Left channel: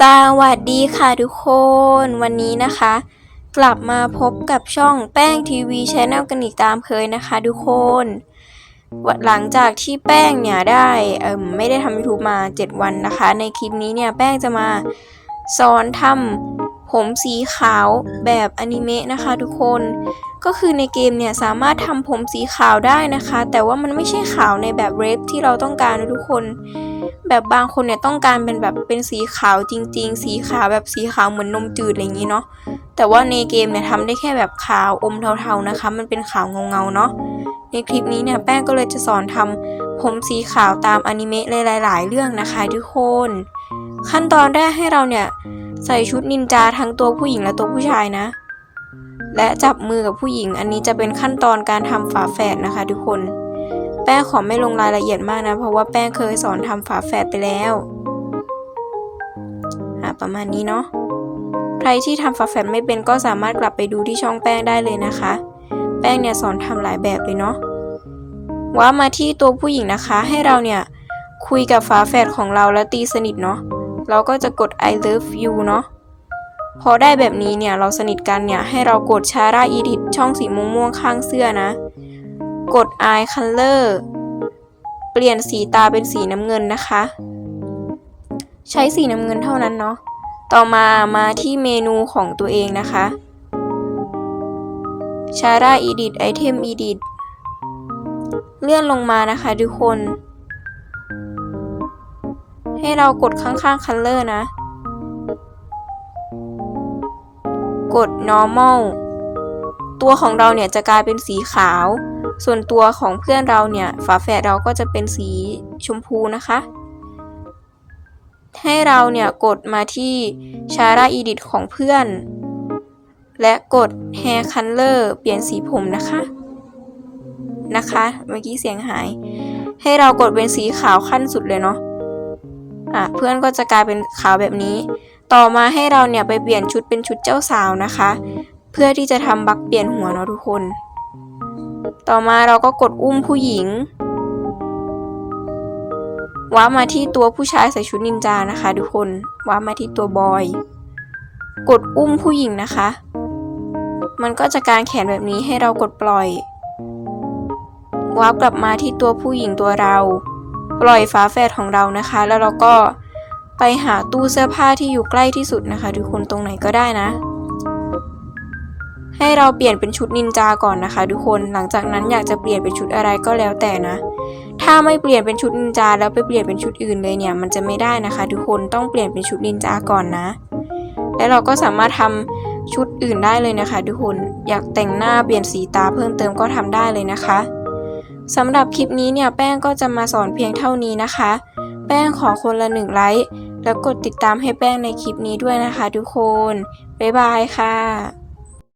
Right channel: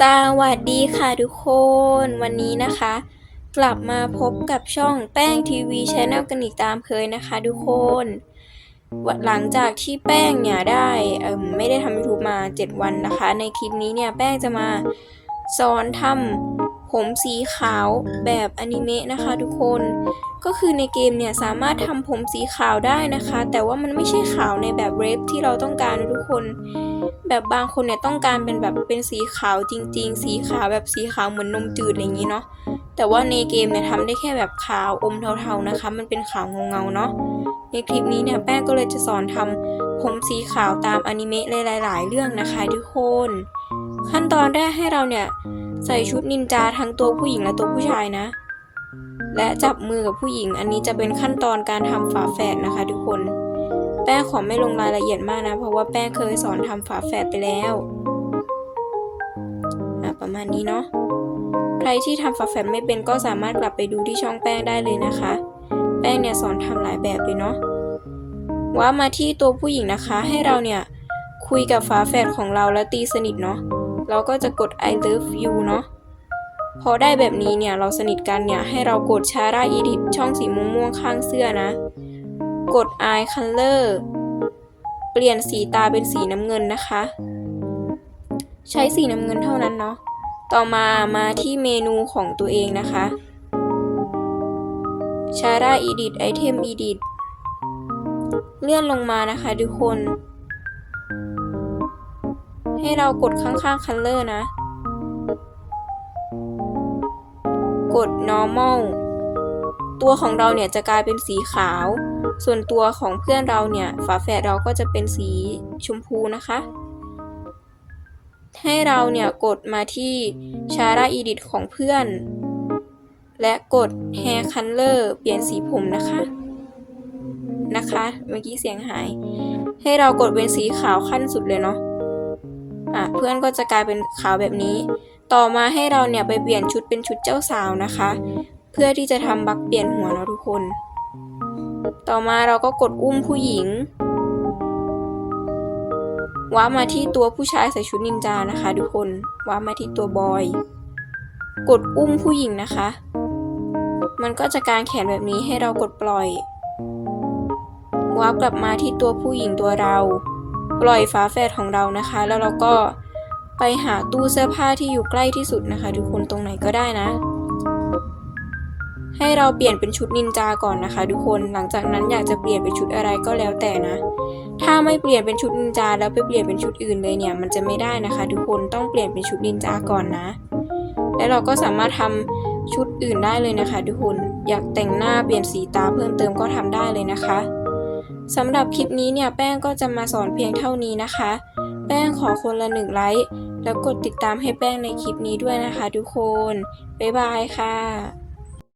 สวัสดีค่ะทุกคน วันนี้นะคะ กลับมาพบกับช่องแป้งทีวีชแนลกันอีกตามเคยนะคะทุกคนหลังจากที่แป้งเนี่ยได้ไม่ได้ทำยูทูบมา 7 วันนะคะ ในคลิปนี้เนี่ยแป้งจะมาสอนทำ ผมสีขาวแบบอนิเมะนะคะทุกคน ก็คือในเกมเนี่ยสามารถทำผมสีขาวได้นะคะ แต่ว่ามันไม่ใช่ขาวในแบบเรฟที่เราต้องการนะทุกคน แบบบางคนเนี่ยต้องการเป็นแบบเป็นสีขาวจริง ๆ สีขาวแบบสีขาวเหมือนนมจืดอะไรอย่างนี้เนาะ แต่ว่าในเกมเนี่ยทำได้แค่แบบขาวอมเทาๆนะคะ มันเป็นขาวเงาๆเนาะ ในคลิปนี้เนี่ยแป้งก็เลยจะสอนทำผมสีขาวตามอนิเมะหลายๆ เรื่องนะคะทุกคน ขั้นตอนแรกให้เราเนี่ย ใส่ชุดนินจาทั้งตัวผู้หญิงและตัวผู้ชายนะ และจับมือกับผู้หญิง อันนี้จะเป็นขั้นตอนการทำฝาแฝดนะคะ ทุกคน แป้งขอไม่ลงรายละเอียดมากนะ เพราะว่าแป้งเคยสอนทำฝาแฝดไปแล้วประมาณนี้เนาะ ใครที่ทำฝาแฝดไม่เป็นก็สามารถกลับไปดูที่ช่องแป้งได้เลยนะคะ แป้งเนี่ยสอนทำหลายแบบเลยเนาะว่ามาที่ตัวผู้หญิงนะคะ ให้เราเนี่ย คุยกับฝาแฝดของเราแล้วตีสนิทเนาะเราก็จะกด I love you เนาะพอได้แบบนี้เนี่ยเราสนิทกันเนี่ยให้เรากดชาร่าอีดิทช่องสีม่วงๆข้างเสื้อนะ กด eye color เปลี่ยนสีตาเป็นสีน้ำเงินนะคะ ใช้สีน้ำเงินเท่านั้นเนาะต่อมามาที่เมนูของตัวเองนะคะชาร่า edit item edit เลื่อนลงมานะคะทุกคน ให้เรากดข้างๆ color นะ กด normal ตัวของเราเนี่ยจะกลายเป็นสีขาว ส่วนตัวของเพื่อนเราเนี่ย ฝาแฝดเราก็จะเป็นสีชมพูนะคะ ให้เราเนี่ยกดมาที่ชาร่าอีดิทของเพื่อน และกด hair color เปลี่ยนสีผมนะคะ นะคะ เมื่อกี้เสียงหาย ให้เรากดเป็นสีขาวขั้นสุดเลยเนาะอะเพื่อนก็จะกลายเป็นขาวแบบนี้ ต่อมาให้เราเนี่ยไปเปลี่ยนชุดเป็นชุดเจ้าสาวนะคะ เพื่อที่จะทำบักเปลี่ยนหัวเนาะทุกคน ต่อมาเราก็กดอุ้มผู้หญิงว้ามาที่ตัวผู้ชายใส่ชุดนินจานะคะ ทุกคนว้ามาที่ตัวบอย กดอุ้มผู้หญิงนะคะ มันก็จะกางแขนแบบนี้ให้เรากดปล่อย วาร์ปกลับมาที่ตัวผู้หญิงตัวเรา ปล่อยฝาแฝดของเรานะคะ แล้วเราก็ไปหาตู้เสื้อผ้าที่อยู่ใกล้ที่สุดนะคะทุกคนตรงไหนก็ได้นะ ให้เราเปลี่ยนเป็นชุดนินจาก่อนนะคะ ทุกคนหลังจากนั้นอยากจะเปลี่ยนเป็นชุดอะไรก็แล้วแต่นะ ถ้าไม่เปลี่ยนเป็นชุดนินจาแล้วไปเปลี่ยนเป็นชุดอื่นเลยเนี่ย มันจะไม่ได้นะคะ ทุกคนต้องเปลี่ยนเป็นชุดนินจาก่อนนะ และเราก็สามารถทำชุดอื่นได้เลยนะคะ ทุกคน อยากแต่งหน้าเปลี่ยนสีตาเพิ่มเติมก็ทำได้เลยนะคะ สำหรับคลิปนี้เนี่ยแป้งก็จะมาสอนเพียงเท่านี้นะคะ แป้งขอคนละหนึ่งไลค์แล้วกดติดตามให้แป้งในคลิปนี้ด้วยนะคะทุกคน บ๊ายบายค่ะ